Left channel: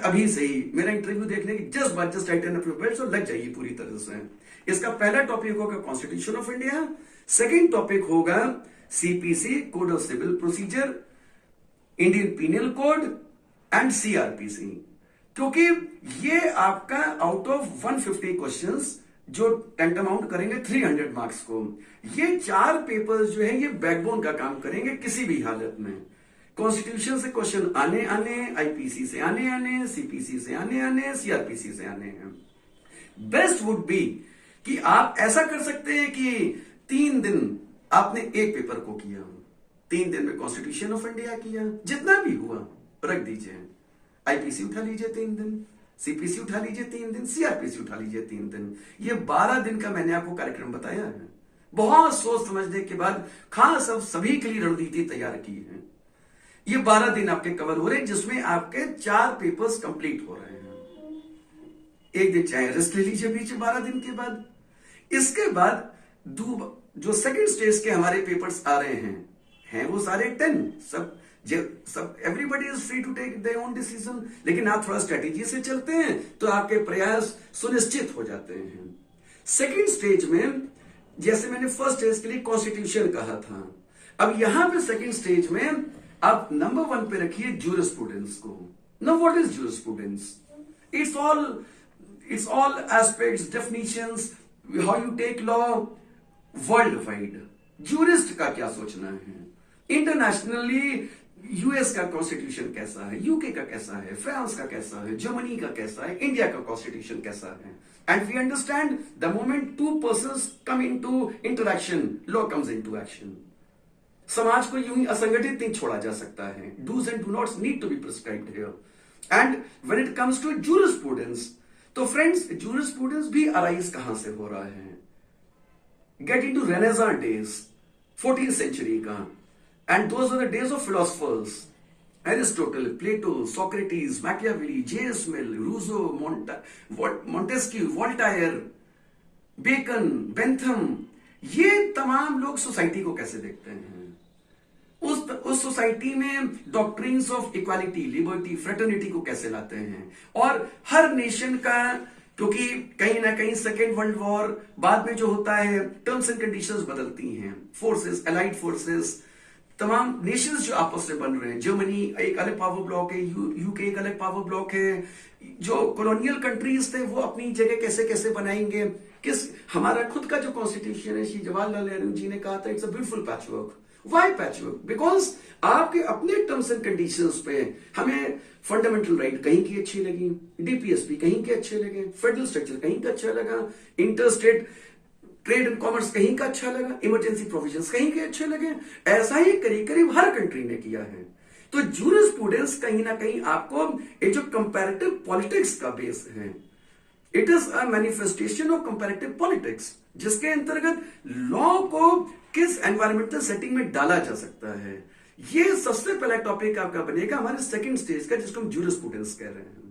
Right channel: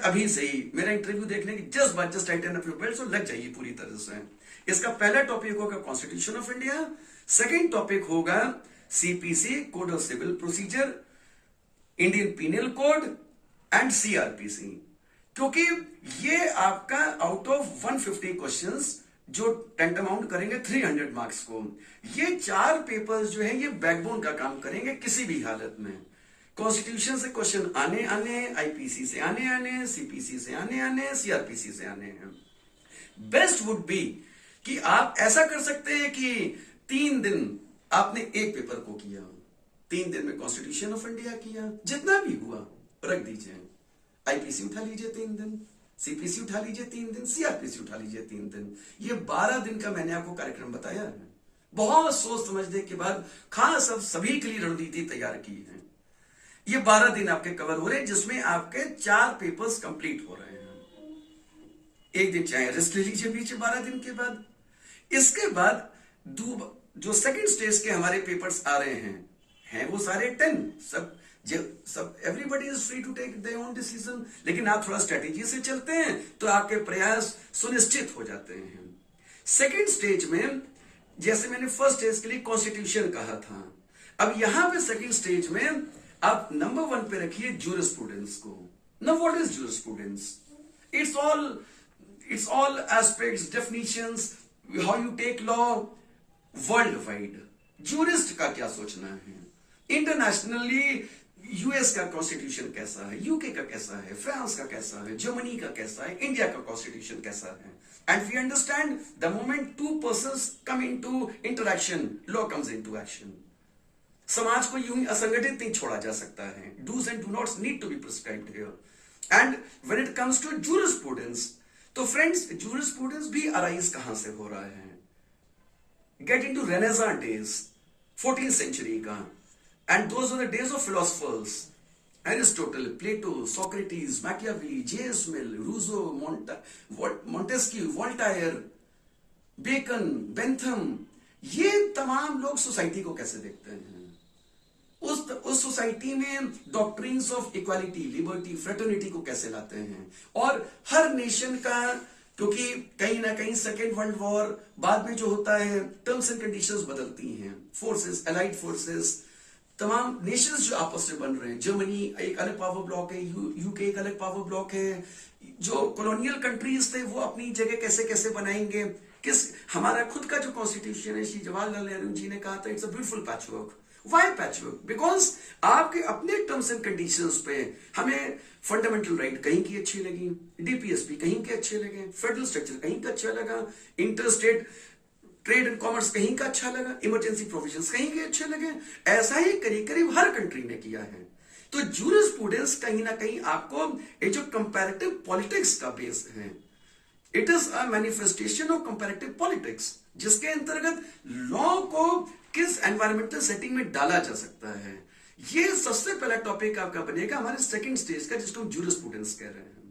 अभी से ही मेरा इंटरव्यू देखने की just Titan up your belt और लग जाइए पूरी तरह से। इसका पहला टॉपिक होगा constitution of India, second topic होगा CPC code of civil procedure, Indian penal code and CrPC. क्योंकि ये आपका आउट ऑफ 150 क्वेश्चंस जो टेंटामाउंट करेंगे 300 मार्क्स को, ये 4 पेपर्स जो है ये बैकबोन का काम करेंगे किसी भी हालत में। कॉन्स्टिट्यूशन से क्वेश्चन आने आने, आईपीसी से आने आने, सीपीसी से आने आने, सीआरपीसी से आने हैं। बेस्ट वुड बी कि आप ऐसा कर सकते हैं कि 3 दिन आपने एक पेपर को किया, 3 दिन में कॉन्स्टिट्यूशन ऑफ इंडिया किया, जितना भी हुआ रख दीजिए। आईपीसी उठा लीजिए 3 दिन, सीपीसी उठा लीजिए 3 दिन, सीआरपीसी उठा लीजिए 3 दिन। ये 12 दिन का मैंने आपको कार्यक्रम बताया है। बहुत सोच समझने के बाद खास अब सभी के लिए रणनीति तैयार की है। ये 12 दिन आपके कवर हो रहे हैं, जिसमें आपके 4 पेपर्स कंप्लीट हो रहे हैं। एक दिन चाहे रेस्ट ले लीजिए बीच 12 दिन के बाद। इसके बाद जो सेकंड स्टेज के हमारे पेपर्स आ रहे हैं वो सारे 10 सब everybody is free to take their own decision. लेकिन आप थोड़ा स्ट्रेटेजी से चलते हैं तो आपके प्रयास सुनिश्चित हो जाते हैं। सेकंड स्टेज में जैसे मैंने फर्स्ट स्टेज के लिए कॉन्स्टिट्यूशन कहा था, अब यहां पे सेकंड स्टेज में आप नंबर 1 पे रखिए जूरिस्प्रूडेंस को। Now what is jurisprudence? It's all aspects, definitions, how you take law worldwide. Jurist का क्या सोचना है, इंटरनेशनली यूएस का कॉन्स्टिट्यूशन कैसा है, यूके का कैसा है, फ्रांस का कैसा है, जर्मनी का कैसा है, इंडिया का कॉन्स्टिट्यूशन कैसा है। And we understand the moment 2 persons come into interaction, law comes into action. समाज को यूं ही असंगठित नहीं छोड़ा जा सकता है। Dos and do nots need to be prescribed here. And when it comes to jurisprudence, तो फ्रेंड्स जूरिस्प्रूडेंस भी अराइज कहां से हो रहा है? Get into renaissance days, 14th century का। And those were the days of philosophers. Aristotle, Plato, Socrates, Machiavelli, J.S. Mill, Rousseau, Montesquieu, Voltaire, Bacon, Bentham, ये तमाम लोग सोसाइटी को कैसे देखते हैं? उस सोसाइटी में doctrines of equality, liberty, fraternity को कैसे लाते हैं? और हर नेशन का, क्योंकि कहीं ना कहीं सेकेंड वर्ल्ड वॉर बाद में जो होता है टर्म्स एंड कंडीशंस बदलती हैं, फोर्सेस, एलाइड फोर्सेस, तमाम नेशंस जो आपस में बन रहे हैं, जर्मनी एक अलग पावर ब्लॉक है, यूके एक अलग पावर ब्लॉक है, जो कॉलोनियल कंट्रीज थे वो अपनी जगह कैसे कैसे बनाएंगे, हमारा खुद का जो कॉन्स्टिट्यूशन है, श्री जवाहरलाल नेहरू जी ने कहा था it's a beautiful patchwork. Why patchwork? Because आपके अपने टर्म्स एंड कंडीशंस पे हमें फंडामेंटल राइट कहीं की अच्छी लगी, डीपीएसपी कहीं के अच्छे लगे, फेडरल स्ट्रक्चर कहीं का अच्छा लगा, इंटरस्टेट ट्रेड एंड कॉमर्स कहीं का अच्छा लगा, इमरजेंसी प्रोविजंस कहीं के अच्छे लगे। ऐसा ही करीब करीब हर कंट्री ने किया है। तो जूरिस्प्रूडेंस कहीं ना कहीं आपको ये जो कंपैरेटिव पॉलिटिक्स का बेस है, it is a manifestation of comparative politics, जिसके अंतर्गत लॉ को किस एनवायरमेंटल सेटिंग में डाला जा सकता है। ये सबसे पहला टॉपिक आपका बनेगा हमारे सेकंड स्टेज का, जिसको हम जूरिस्प्रूडेंस कह रहे हैं।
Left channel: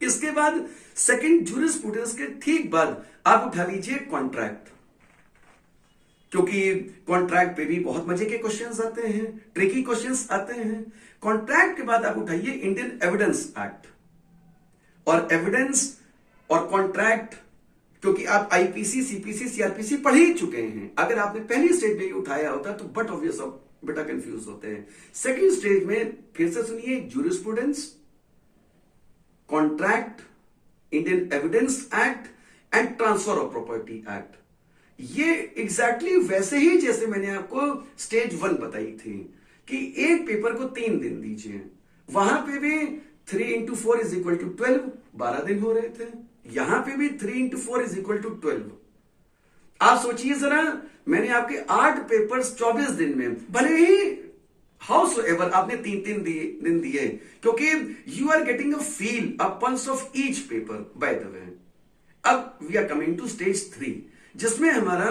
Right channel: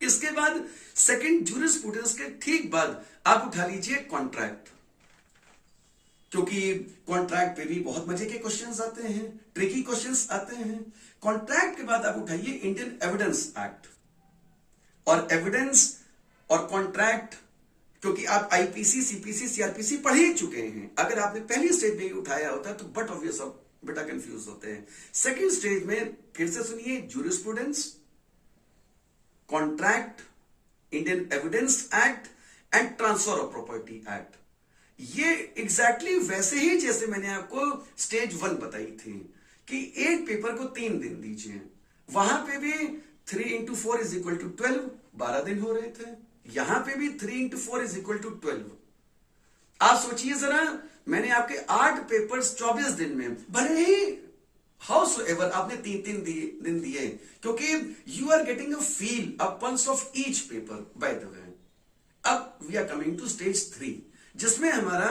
इसके बाद सेकंड जूरिस्प्रूडेंस के ठीक बाद आप उठा लीजिए कॉन्ट्रैक्ट, क्योंकि कॉन्ट्रैक्ट पे भी बहुत मजे के क्वेश्चंस आते हैं, ट्रिकी क्वेश्चंस आते हैं। कॉन्ट्रैक्ट के बाद आप उठाइए इंडियन एविडेंस एक्ट। और एविडेंस और कॉन्ट्रैक्ट, क्योंकि आप आईपीसी, सीपीसी, सीआरपीसी पढ़ ही चुके हैं, अगर आपने पहली स्टेज में ही उठाया होता तो बट ऑब्वियस बेटा कंफ्यूज होते हैं। सेकेंड स्टेज में फिर से सुनिए, jurisprudence, contract, Indian evidence act and transfer of property act. ये एग्जैक्टली वैसे ही जैसे मैंने आपको स्टेज 1 बताई थी कि एक पेपर को 3 दिन दीजिए, वहां पे भी 3 into 4 is equal to 12, 12 दिन हो रहे थे। यहां पे भी 3 into 4 is equal to 12। आप सोचिए जरा, मैंने आपके 8 पेपर्स 24 दिन में, भले ही हाउस एवर आपने 3-3 दिन दिए, क्योंकि you are getting a feel, a pulse of each paper by the way. अब we are coming to stage 3, जिसमें हमारा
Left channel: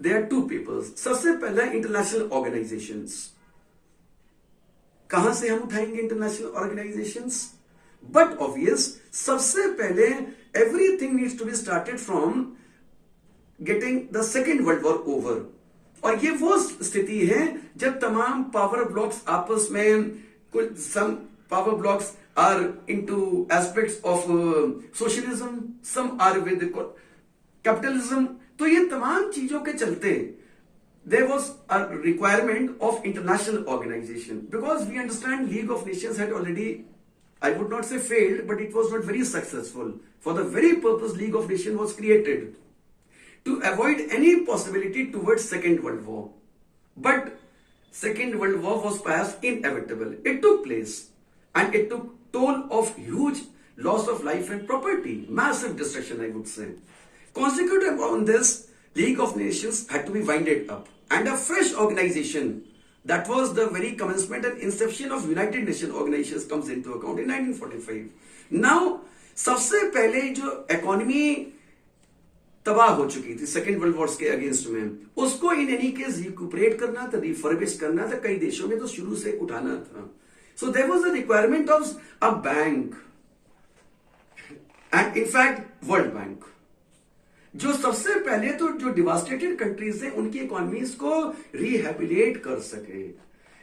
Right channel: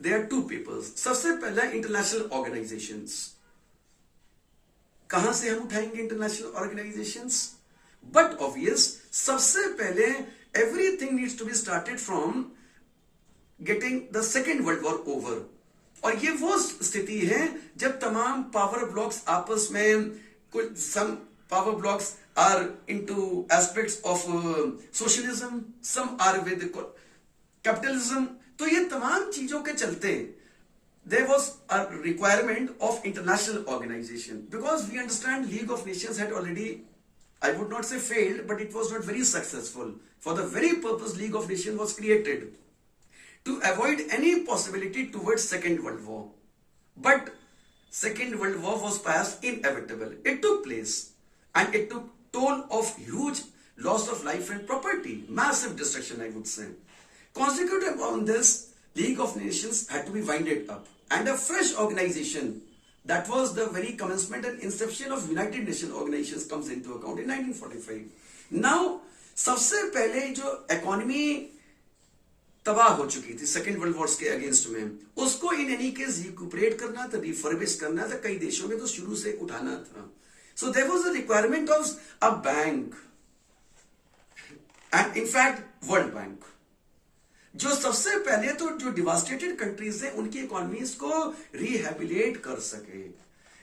देयर आर 2 पेपर्स। सबसे पहला इंटरनेशनल ऑर्गेनाइजेशंस। कहां से हम उठाएंगे इंटरनेशनल ऑर्गेनाइजेशंस? बट ऑब्वियस सबसे पहले everything needs to be started from getting the second world war over. और ये वो स्थिति है जब तमाम पावर ब्लॉक्स आपस में कुछ power blocks are into aspects of socialism, some are with capitalism. तो ये तमाम चीजों के चलते there was a requirement of international organization, because we understand League of Nations had already, I would not say failed, but it was not very successful. For the very purpose League of Nations was created, to avoid any possibility towards Second World War. But Second World War was perhaps inevitable. It took place and it took toll of huge loss of life and property, massive destruction, I would say. Consequent upon this, League of Nations had to be winded up, and a fresh organization, that was the very commencement and inception of United Nations organizations, comes into account in 1945. Now, सबसे पहले जो economy तबाह हो चुकी थी second world war के against में, उसको इन एनी केस रिकूपरेट करना था, रिफर्बिश करना था, कई देशों में तो शुरू से उठाना था. So there was a requirement of a bank, and in fact world bank, जो सबसे पहले तो जो डिवास्टेटेड कंट्रीज हैं उनकी इकोनॉमीज को रिहेबिलिटेट कर सके,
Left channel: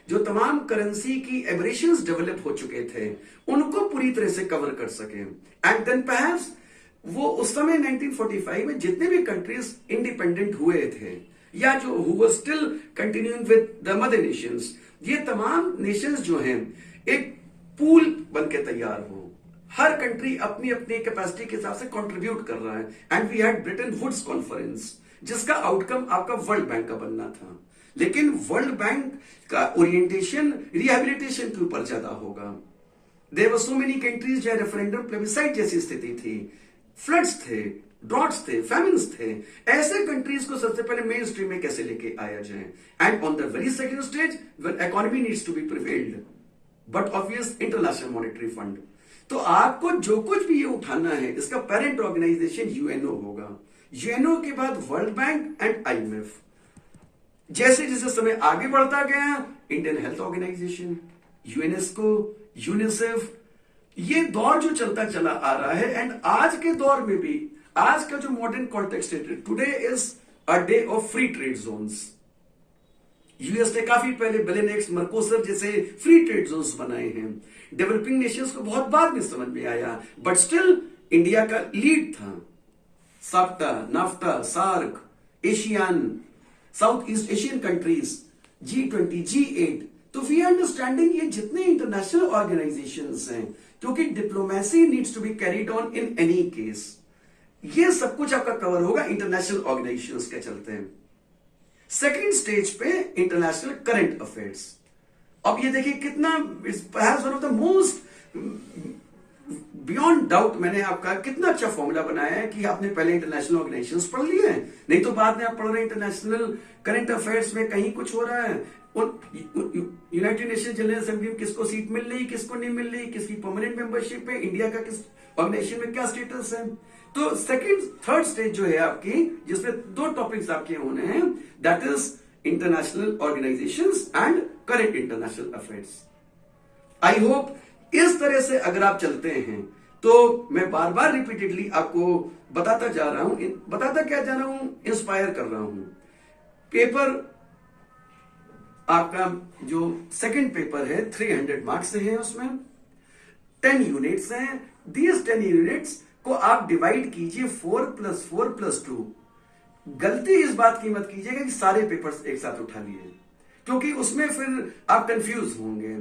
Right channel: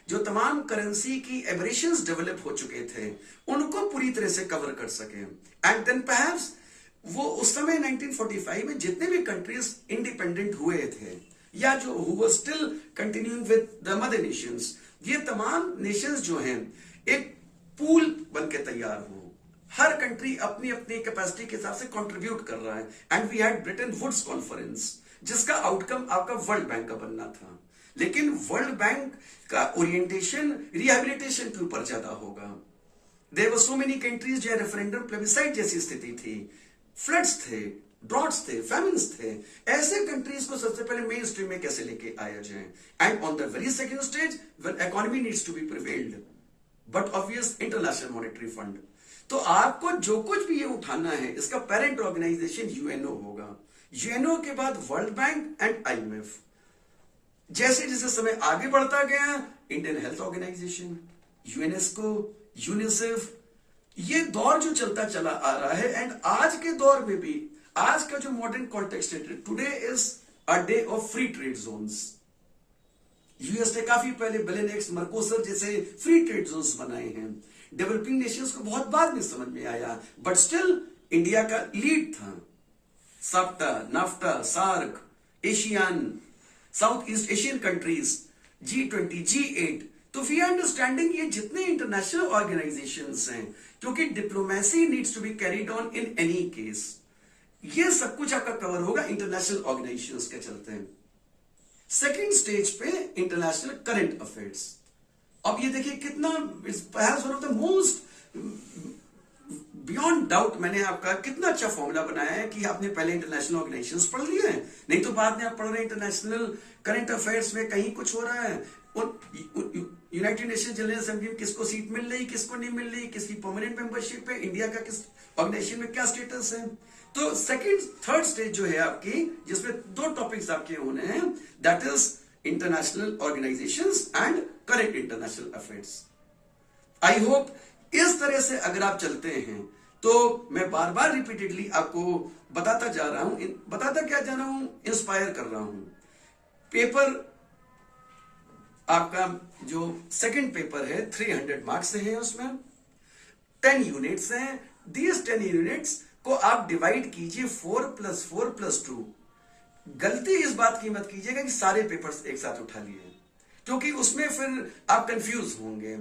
जो तमाम करेंसी की एबरेशंस डेवलप हो चुके थे उनको पूरी तरह से कवर कर सके. एंड देन परहैप्स वो उस समय 1945 में जितने भी कंट्रीज इंडिपेंडेंट हुए थे या जो who were still continuing with the mother Nations, ये तमाम नेशंस जो हैं एक पूल बन के तैयार हो, हर कंट्री अपनी अपनी कैपेसिटी के हिसाब से कंट्रीब्यूट कर रहा है. And we had Bretton Woods conference, जिसका आउटकम आपका वर्ल्ड बैंक का बनना था. लेकिन वर्ल्ड बैंक का ओरिएंटेशन रिहेबिलिटेशन के ऊपर ज्यादा होगा. There were so many countries जहां रेफरेंडम प्लेबिसाइट जैसी स्थिति थी, फ्लड्स थे, ड्रॉट्स थे, फैमिन्स थे. ऐसे कंट्रीज को सबसे पहले मेन स्ट्रीम में कैसे लेके आया जाए. And on the very second stage when economy needs to be prevailed, but obvious international monetary fund. तो आपको जो कुछ भी ये उठाना है, इसका पेरेंट ऑर्गेनाइजेशन यूएनओ होगा. यूएनओ के बाद वर्ल्ड बैंक एंड आईएमएफ. जैसे जैसे समय आगे बढ़ता गया, Indian health organisation, UNESCO, UNICEF, ये दौर जो चलता चला आ रहा है. एंड आज के दौर में भी, आज का जो मॉडर्न कॉन्टेक्स्ट है, today is a day of free trade zones. US ने काफी पहले बेलेनेक्स, मर्कोसर जैसे फ्री ट्रेड जोन्स बनाए हैं. डेवलपिंग नेशंस को बहुत बाद में समझ में आया, बट स्टिल इंडिया का लीड था. SAPTA, NAFTA, SAARC, ASEAN, south east Asian countries, G20, G8. तो वी अंडरस्टैंडिंग ये जितने इंटरनेशनल ऑर्गेनाइजेशंस हैं, क्योंकि diplomacy needs to be carried on in any case, ये सब कुछ आपका कवर होगा इंटरनेशनल ऑर्गेनाइजेशंस के चलते हैं. सेकेंड स्टेज पे इंटरनेशनल करंट अफेयर्स. अब ये देखिए कितना, perhaps one of the most beyond doubt, मैंने आपका कितना अच्छा फॉर्मूला बनाया है कि आपने पहले इंटरनेशनल ऑर्गेनाइजेशंस पढ़ लिए हैं, नहीं तो बाद में आप पढ़ रहे हैं इंटरनेशनल करंट अफेयर्स में कहीं कुछ हो रहा है. यूनाइटेड नेशन जनरल असेंबली में किसको सीट मिल रही, किसको नहीं मिल रही, किसकी परमानेंट मेंबरशिप है, इंडिया का किस ऑर्गेनाइजेशन में क्या स्टेटस है. तो सेकंड थर्ड स्टेज जो है आपकी, जिसमें दो टॉपिक्स आपके होने हैं, that is international organisations and current international affairs. I hope इस तरह से अगर आप चलते हैं, तो मैं बार बार रिपीटेडली आपको बताता जा रहा हूं, बताता क्या जा रहा हूं, इंस्पायर कर रहा हूं. पेपर आपका जो सेकंड पेपर है 300 मार्क्स से है, उसमें 10 यूनिट्स हैं. दीज 10 यूनिट्स को आप डिवाइड कीजिए 4+4+2. गलती इस बात की मत कीजिएगा कि सारे पेपर्स एक साथ उठा लिए, क्योंकि उसमें फिर आप कंफ्यूज होंगे.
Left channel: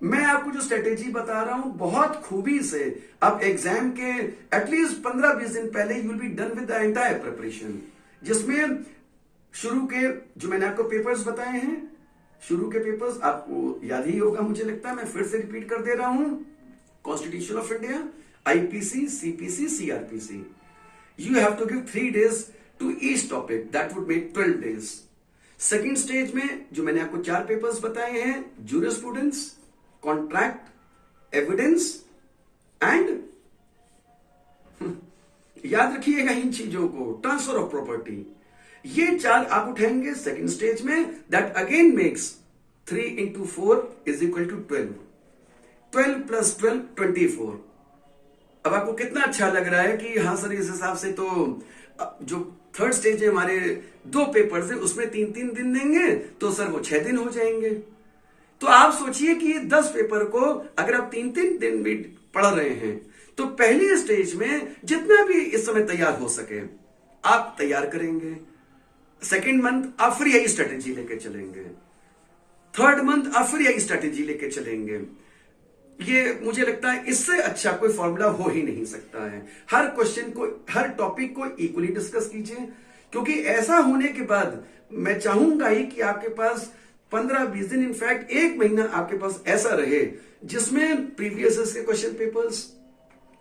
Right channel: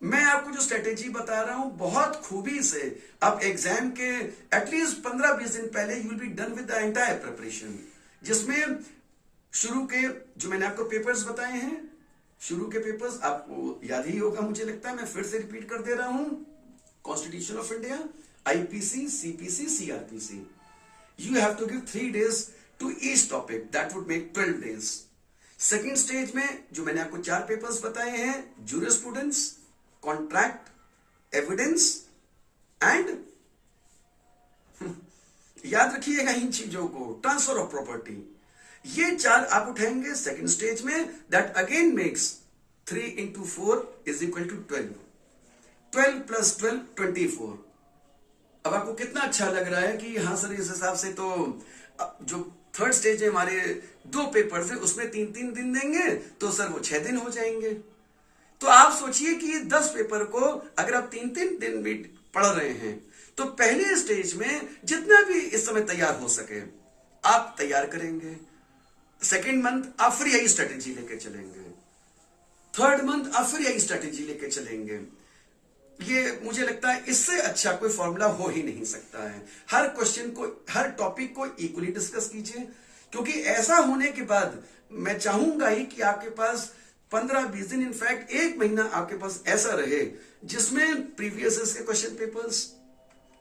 मैं आपको जो स्ट्रेटेजी बता रहा हूं, बहुत खूबी से आप एग्जाम के एटलीस्ट 15-20 दिन पहले you will be done with the entire preparation, जिसमें शुरू के जो मैंने आपको पेपर्स बताए हैं, शुरू के पेपर्स आपको याद ही होगा, मुझे लगता है. मैं फिर से रिपीट कर दे रहा हूं. Constitution of India, IPC, CPC, CrPC. You have to give 3 days to each topic, that would make 12 days. Second stage में जो मैंने आपको 4 पेपर्स बताए हैं, जूरिस्प्रूडेंस, कॉन्ट्रैक्ट, एविडेंस एंड याद रखिएगा इन चीजों को, ट्रांसफर ऑफ प्रॉपर्टी. ये 4 आप उठाएंगे सेकेंड स्टेज में. That again makes 3 into 4 is equal to 12. 12 + 12 24. अब आपको कितना अच्छा लग रहा है कि हाँ सर, इस हिसाब से तो जो थर्ड स्टेज है हमारे 2 पेपर्स है, उसमें 3-3 दिन देंगे तो सर वो 6 दिन हो जाएंगे. तो आप सोचिए कि 10 पेपर को अगर आप 3-3 दिन भी पढ़ रहे हैं तो पहले स्टेज में जितना भी इस समय तैयार हो सके आप तैयार करेंगे। सेकेंड मंथ आप फ्री आई स्ट्रेटेजी लेके चलेंगे। थर्ड मंथ आप फ्री आई स्ट्रेटेजी लेके चलेंगे। ये मुझे लगता है इससे अच्छा कोई फॉर्मूला हो ही नहीं सकता है। हर क्वेश्चन को, हर टॉपिक को इक्वली डिस्कस कीजिए, क्योंकि ऐसा होने के बाद मैं चाहूंगा ही कि आपके पास 15-20 दिन, इनफैक्ट 1 महीना आपके पास ऐसा रहे जिसमें प्रीवियस के क्वेश्चन पेपर्स,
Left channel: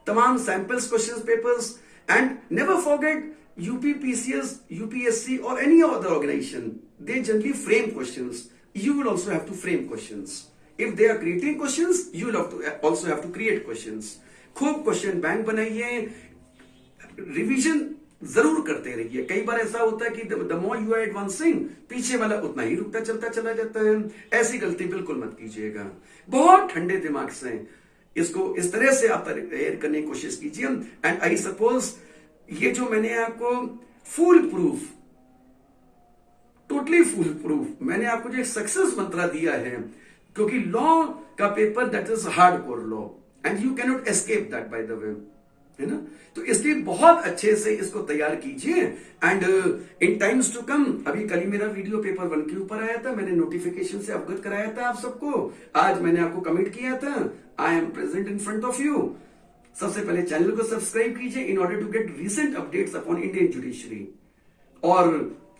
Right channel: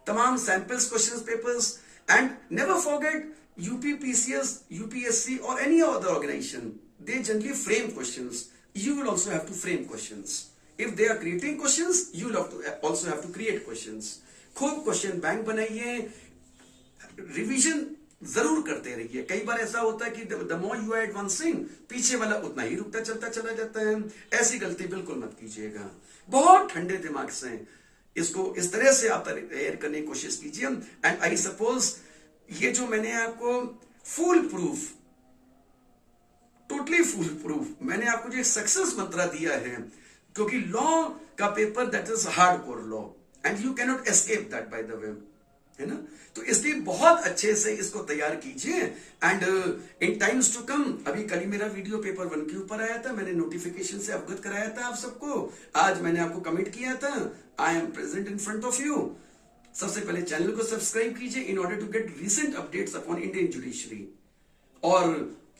तमाम samples question papers, and never forget UP PCS, UPSC और any other organisation, they generally frame questions. You will also have to frame questions. If they are creating questions, you will also have to create questions. खूब question bank बनाइए, revision जरूर करते रहिए. कई बार ऐसा होता है कि the more you are advancing, पीछे वाला उतना ही रुकता चलता चला जाता है. ऐसी गलती बिल्कुल मत कीजिएगा. बहुत ठंडे दिमाग से इसको इस तरह से आप तैयार करने की कोशिश कीजिए. एंड आई सपोज ये जो मैंने आपको full proof, totally full proof मैंने आपको जो सक्सेस मंत्रा दिया है, क्योंकि लॉ का paper that is hard core law and you can not escape that bye the वे, है ना. तो इसलिए बहुत अच्छे से इसको तैयार कीजिए. And in times to come, अभी कल ही मेरा वीडियो पेपर 1 के ऊपर आया था, मैंने नोटिफिकेशन से अवगत कराया था आप सबको. आज मैंने आपको कमिट किया था, I am present in front of you. सबसे पहले चैनल को सब्सक्राइब कीजिए in order to get recent updates upon Indian judiciary. और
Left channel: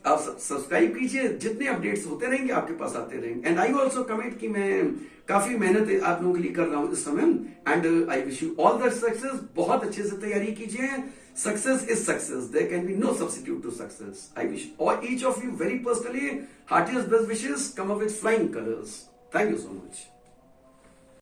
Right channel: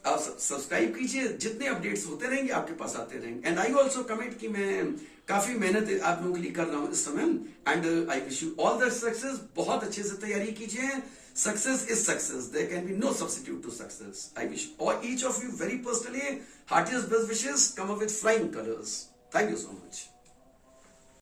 आप सब्सक्राइब कीजिए, जितने अपडेट्स होते रहेंगे आपके पास आते रहेंगे. एंड आई ऑल्सो कमिट कि मैं काफी मेहनत आप लोगों के लिए कर रहा हूं इस समय. And I wish you all the success. बहुत अच्छे से तैयारी कीजिए. Success is success, there can be no substitute to success. I wish each of you very personally heartiest best wishes. Come up with flying colours. Thank you so much.